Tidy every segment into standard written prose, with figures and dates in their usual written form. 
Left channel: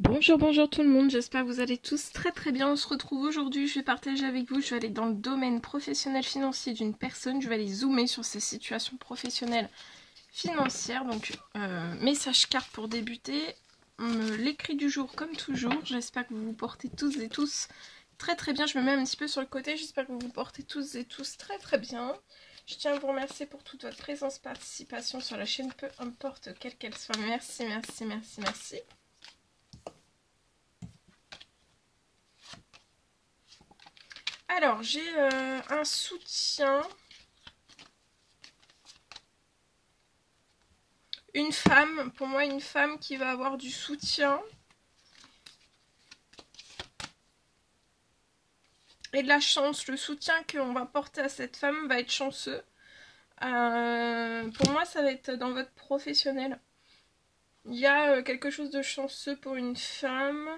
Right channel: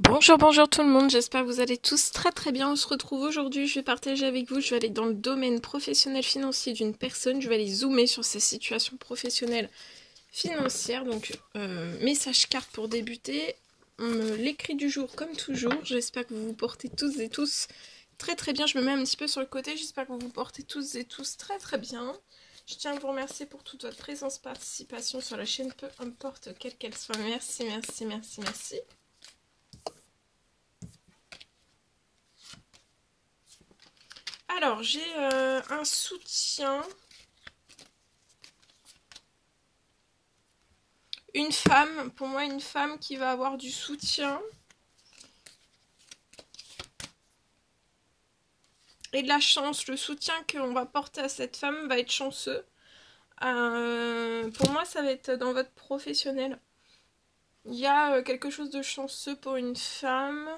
Bonjour, bonjour tout le monde, j'espère que vous allez tous très bien. On se retrouve aujourd'hui, je vais partager avec vous, je vais aller dans le domaine professionnel financier d'une personne, je vais aller zoomer sur sa situation professionnelle financière. Donc, message carte pour débuter, l'écrit du jour comme toujours, j'espère que vous vous portez tous et tous très bien. Je me mets un petit peu sur le côté, j'espère que vous vous portez tous et tous très bien. Je tiens à vous remercier pour toute votre présence, participation sur la chaîne, peu importe quelle qu'elle soit. Merci. Alors, j'ai un soutien. Une femme, pour moi, une femme qui va avoir du soutien. Et de la chance. Le soutien qu'on va porter à cette femme va être chanceux. Pour moi, ça va être dans votre professionnel. Il y a quelque chose de chanceux pour une femme.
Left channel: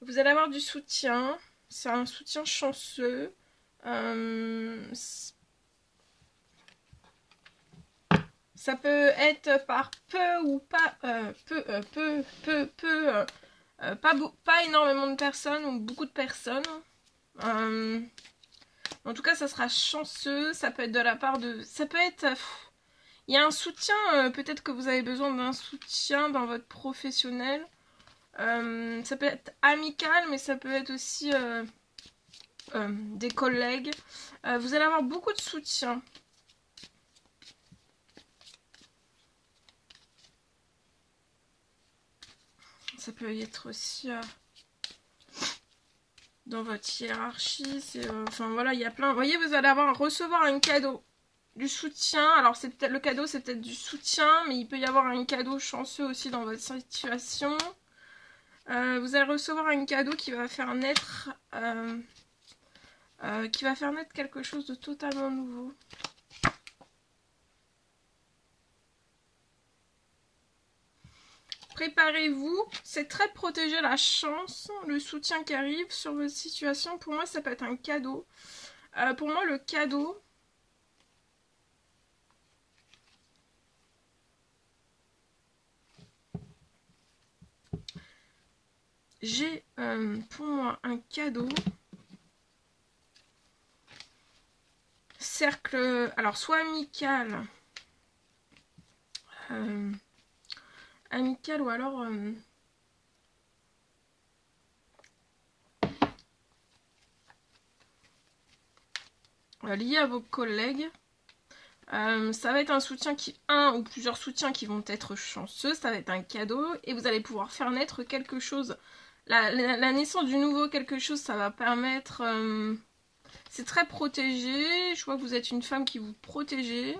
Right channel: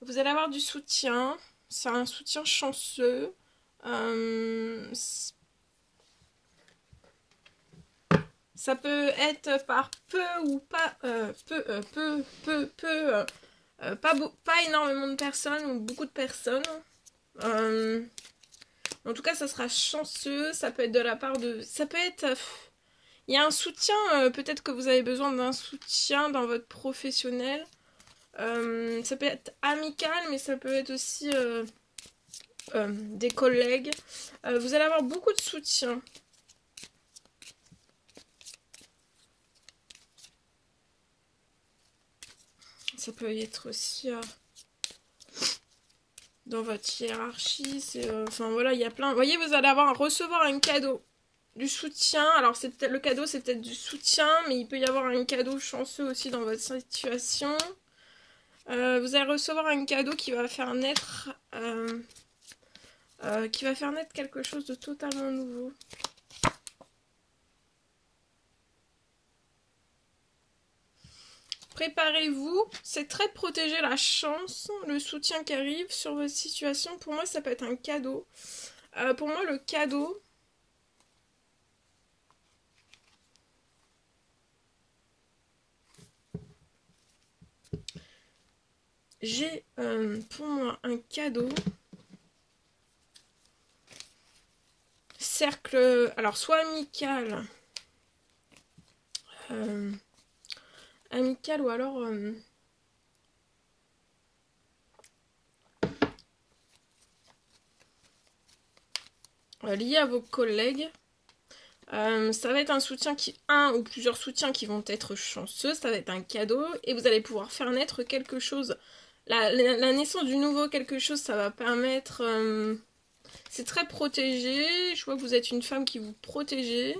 Vous allez avoir du soutien. C'est un soutien chanceux. Ça peut être par peu ou pas, pas énormément de personnes ou beaucoup de personnes. En tout cas, ça sera chanceux. Ça peut être de la part de... Ça peut être... Il y a un soutien, peut-être que vous avez besoin d'un soutien dans votre professionnel. Ça peut être amical, mais ça peut être aussi des collègues. Vous allez avoir beaucoup de soutien. Ça peut être aussi dans votre hiérarchie. Enfin voilà, il y a plein... Vous voyez, vous allez recevoir un cadeau. Du soutien. Alors c'est peut-être le cadeau, c'est peut-être du soutien, mais il peut y avoir un cadeau chanceux aussi dans votre situation. Vous allez recevoir un cadeau qui va faire naître quelque chose de totalement nouveau. Préparez-vous, c'est très protéger la chance, le soutien qui arrive sur votre situation. Pour moi, ça peut être un cadeau. Pour moi, le cadeau, j'ai pour moi un cadeau. Cercle, alors soit amical, amical ou alors lié à vos collègues. Ça va être un soutien un ou plusieurs soutiens qui vont être chanceux, ça va être un cadeau et vous allez pouvoir faire naître quelque chose. La naissance du nouveau quelque chose, ça va permettre... c'est très protégé, je vois que vous êtes une femme qui vous protégez.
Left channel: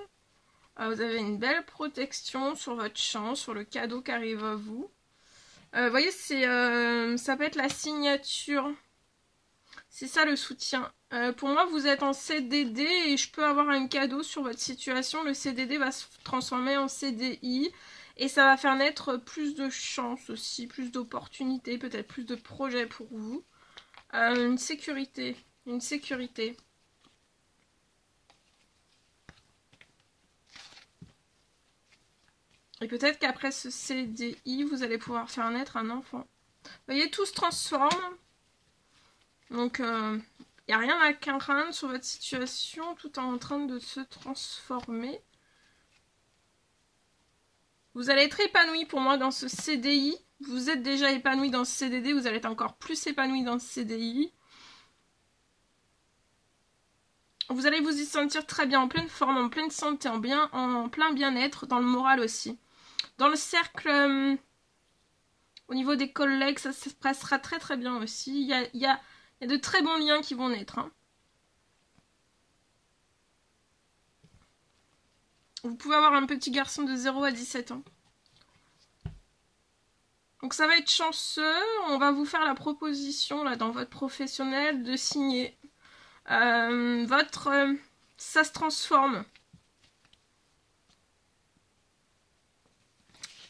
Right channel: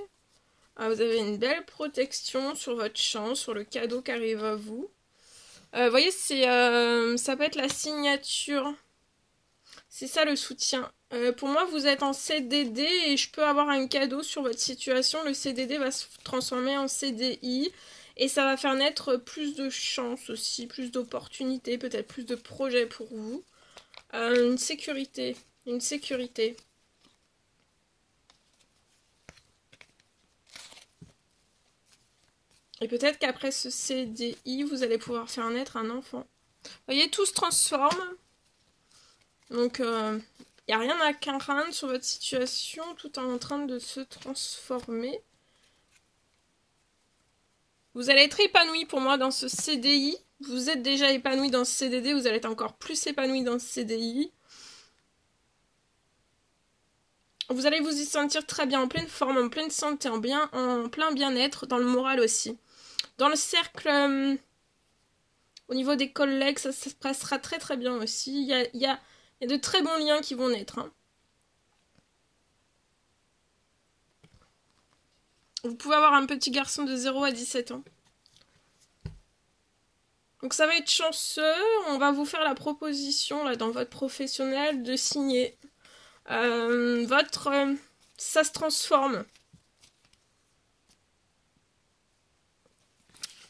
Vous avez une belle protection sur votre chance, sur le cadeau qui arrive à vous. Vous voyez, ça peut être la signature. C'est ça le soutien. Pour moi, vous êtes en CDD et je peux avoir un cadeau sur votre situation. Le CDD va se transformer en CDI et ça va faire naître plus de chances aussi, plus d'opportunités, peut-être plus de projets pour vous. Une sécurité. Et peut-être qu'après ce CDI, vous allez pouvoir faire naître un enfant. Vous voyez, tout se transforme. Donc, il n'y a rien à craindre sur votre situation. Tout est en train de se transformer. Vous allez être épanoui pour moi dans ce CDI. Vous êtes déjà épanoui dans ce CDD. Vous allez être encore plus épanoui dans ce CDI. Vous allez vous y sentir très bien, en pleine forme, en pleine santé, en plein bien-être, dans le moral aussi. Dans le cercle, au niveau des collègues, ça se passera très bien aussi. Il y a de très bons liens qui vont naître. Hein. Vous pouvez avoir un petit garçon de 0 à 17 ans. Donc ça va être chanceux. On va vous faire la proposition là dans votre professionnel de signer. Ça se transforme.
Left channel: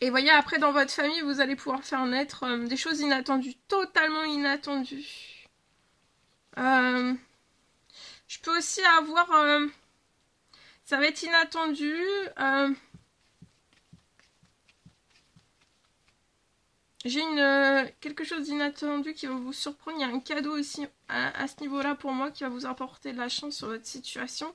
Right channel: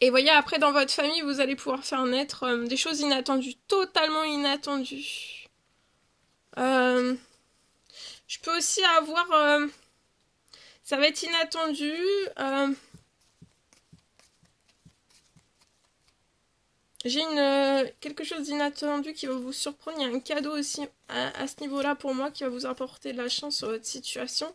Et voyez, après, dans votre famille, vous allez pouvoir faire naître des choses inattendues, totalement inattendues. Je peux aussi avoir... ça va être inattendu. J'ai quelque chose d'inattendu qui va vous surprendre. Il y a un cadeau aussi à ce niveau-là pour moi qui va vous apporter de la chance sur votre situation.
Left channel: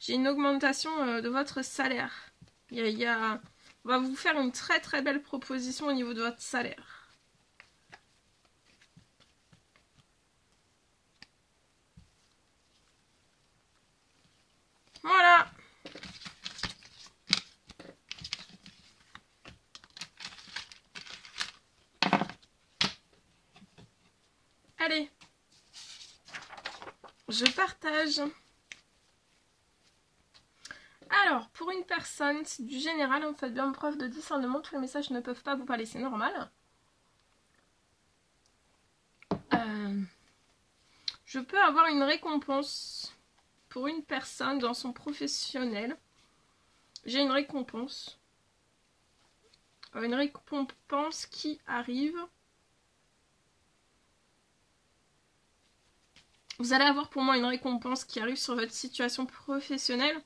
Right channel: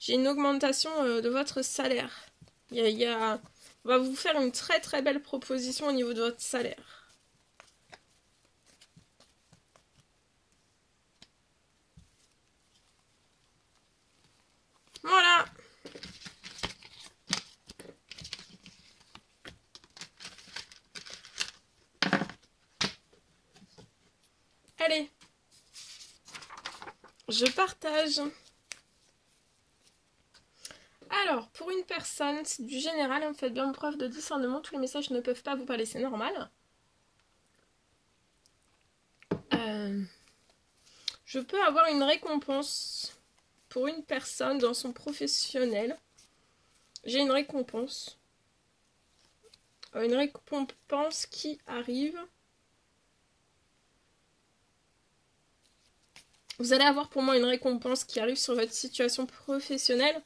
J'ai une augmentation de votre salaire. On va vous faire une très très belle proposition au niveau de votre salaire. Voilà. Allez. Je partage. Alors, pour une personne, c'est du général, hein, faites bien preuve de discernement, tous les messages ne peuvent pas vous parler, c'est normal. Je peux avoir une récompense pour une personne dans son professionnel. J'ai une récompense. Une récompense qui arrive. Vous allez avoir pour moi une récompense qui arrive sur votre situation professionnelle.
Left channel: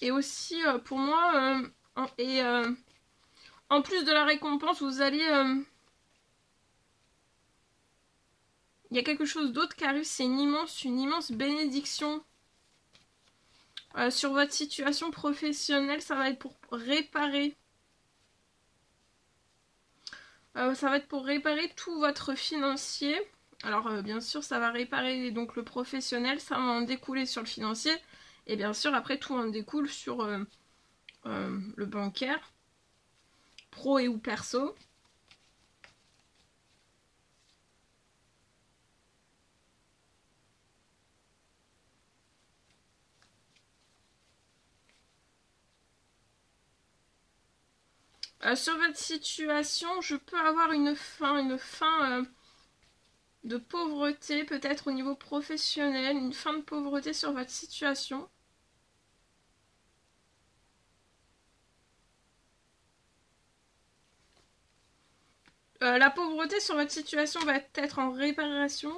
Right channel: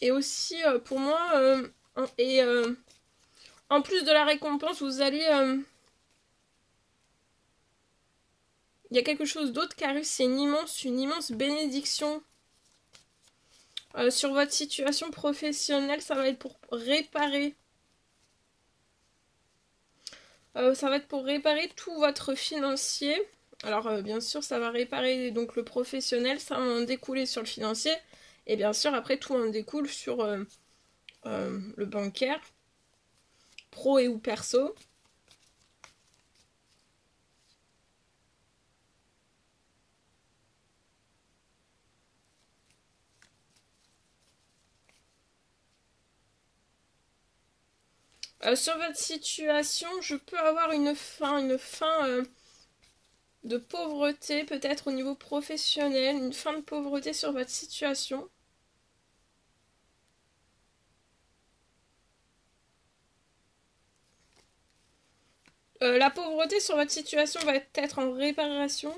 Et aussi pour moi, en plus de la récompense, vous allez... il y a quelque chose d'autre qui arrive, c'est une immense bénédiction. Sur votre situation professionnelle, ça va être pour réparer. Ça va être pour réparer tout votre financier. Alors bien sûr, ça va réparer donc le professionnel, ça va en découler sur le financier. Et bien sûr, après, tout en découle sur le bancaire, pro et ou perso. Sur votre situation, je peux avoir une fin de pauvreté, peut-être au niveau professionnel, une fin de pauvreté sur votre situation. La pauvreté sur votre situation va être en réparation.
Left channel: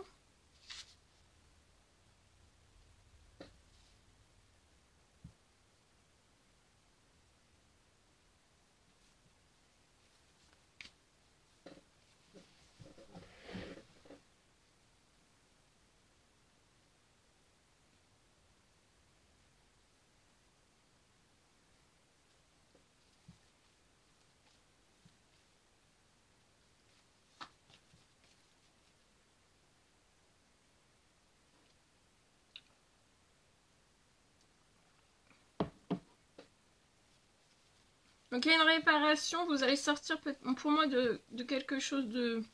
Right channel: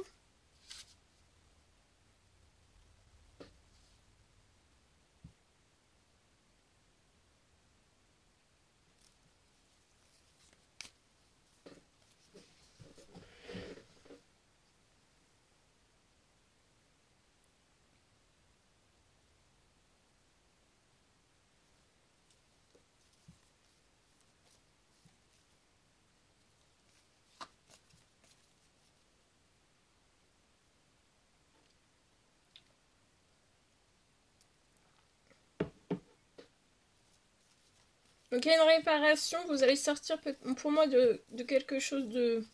Donc il y a une réparation, vous allez sortir pour moi de quelque chose de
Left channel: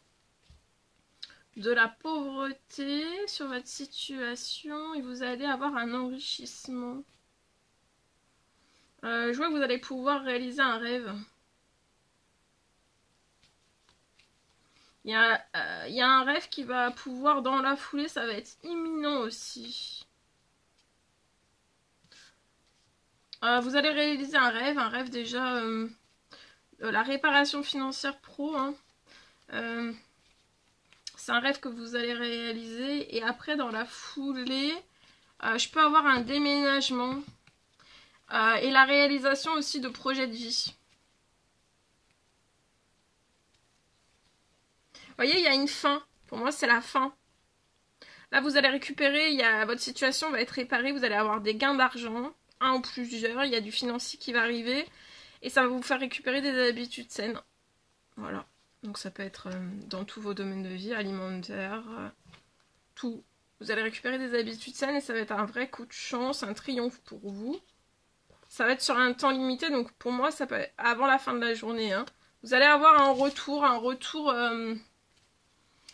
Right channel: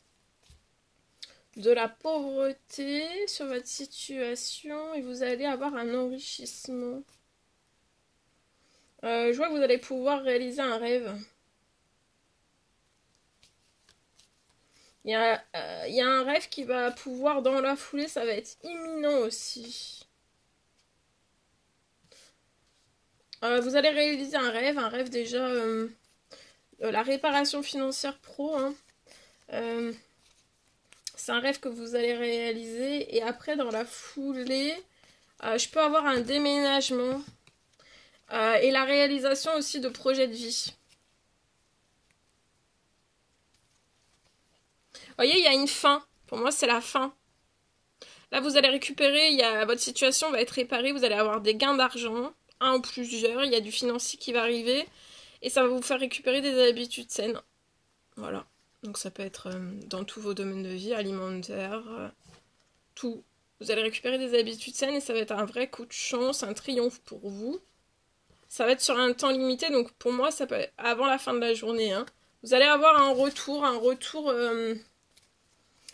la pauvreté sur votre situation et vous allez avoir un enrichissement. Je vois que vous allez pouvoir réaliser un rêve. Il y a un rêve qui va pouvoir dans la foulée, ça va être imminent aussi. Vous allez réaliser un rêve déjà, la réparation financière pro. Hein. C'est un rêve que vous allez réaliser et après dans la foulée, je peux avoir un déménagement et la réalisation aussi de projets de vie. Vous voyez, il y a une fin. Pour moi, c'est la fin. Là, vous allez récupérer, votre situation va être réparée, vous allez avoir des gains d'argent, un ou plusieurs, il y a du financier qui va arriver, et ça va vous faire récupérer des habitudes saines. Voilà. Donc ça peut être dans tous vos domaines de vie, alimentaire, tout. Vous allez récupérer des habitudes saines et ça va être un vrai coup de chance, un triomphe pour vous. Ça va être sur un temps limité, donc pour moi, ça peut être avant la fin de la journée. Hein. Vous allez avoir un retour,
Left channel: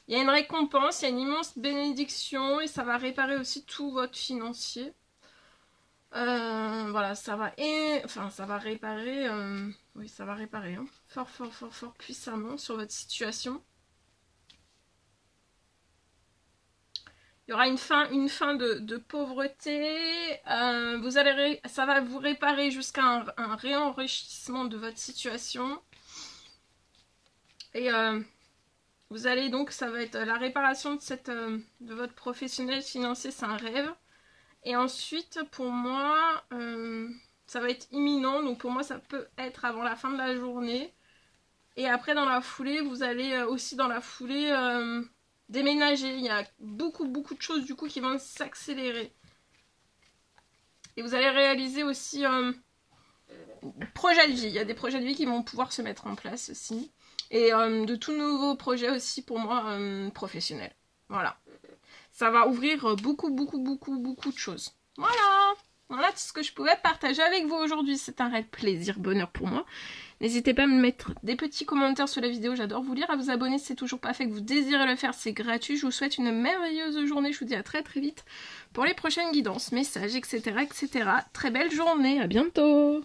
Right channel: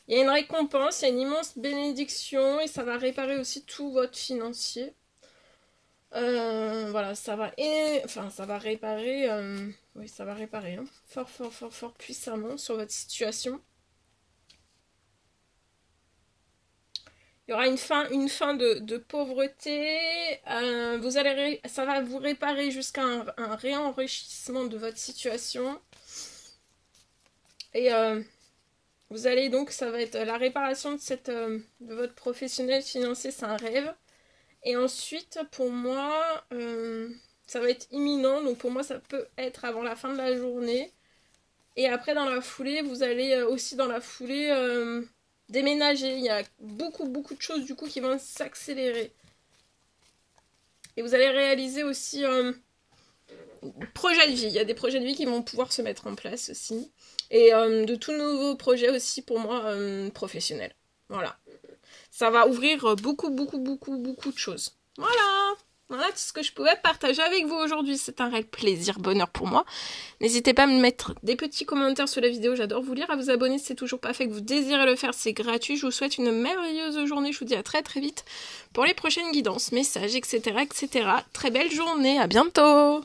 il y a une récompense, il y a une immense bénédiction et ça va réparer aussi tout votre financier. Voilà, ça va réparer, oui, ça va réparer, hein, fort puissamment sur votre situation. Il y aura une fin de pauvreté. Ça va vous réparer jusqu'à un réenrichissement de votre situation. Et vous allez donc, ça va être la réparation de votre professionnel financier, c'est un rêve. Et ensuite, pour moi, Ça va être imminent, donc pour moi ça peut être avant la fin de la journée. Et après dans la foulée, vous allez aussi dans la foulée déménager. Il y a beaucoup de choses du coup qui vont s'accélérer. Et vous allez réaliser aussi projets de vie. Il y a des projets de vie qui vont pouvoir se mettre en place aussi. Et de tout nouveaux projets aussi pour moi professionnels. Voilà. Ça va ouvrir beaucoup de choses. Voilà tout ce que je pouvais partager avec vous aujourd'hui. C'est un réel plaisir, bonheur pour moi. N'hésitez pas à me mettre des petits commentaires sur la vidéo. J'adore vous lire. À vous abonner si c'est toujours pas fait, que vous désirez le faire. C'est gratuit. Je vous souhaite une merveilleuse journée. Je vous dis à très vite pour les prochaines guidances, messages, etc. Très belle journée. À bientôt.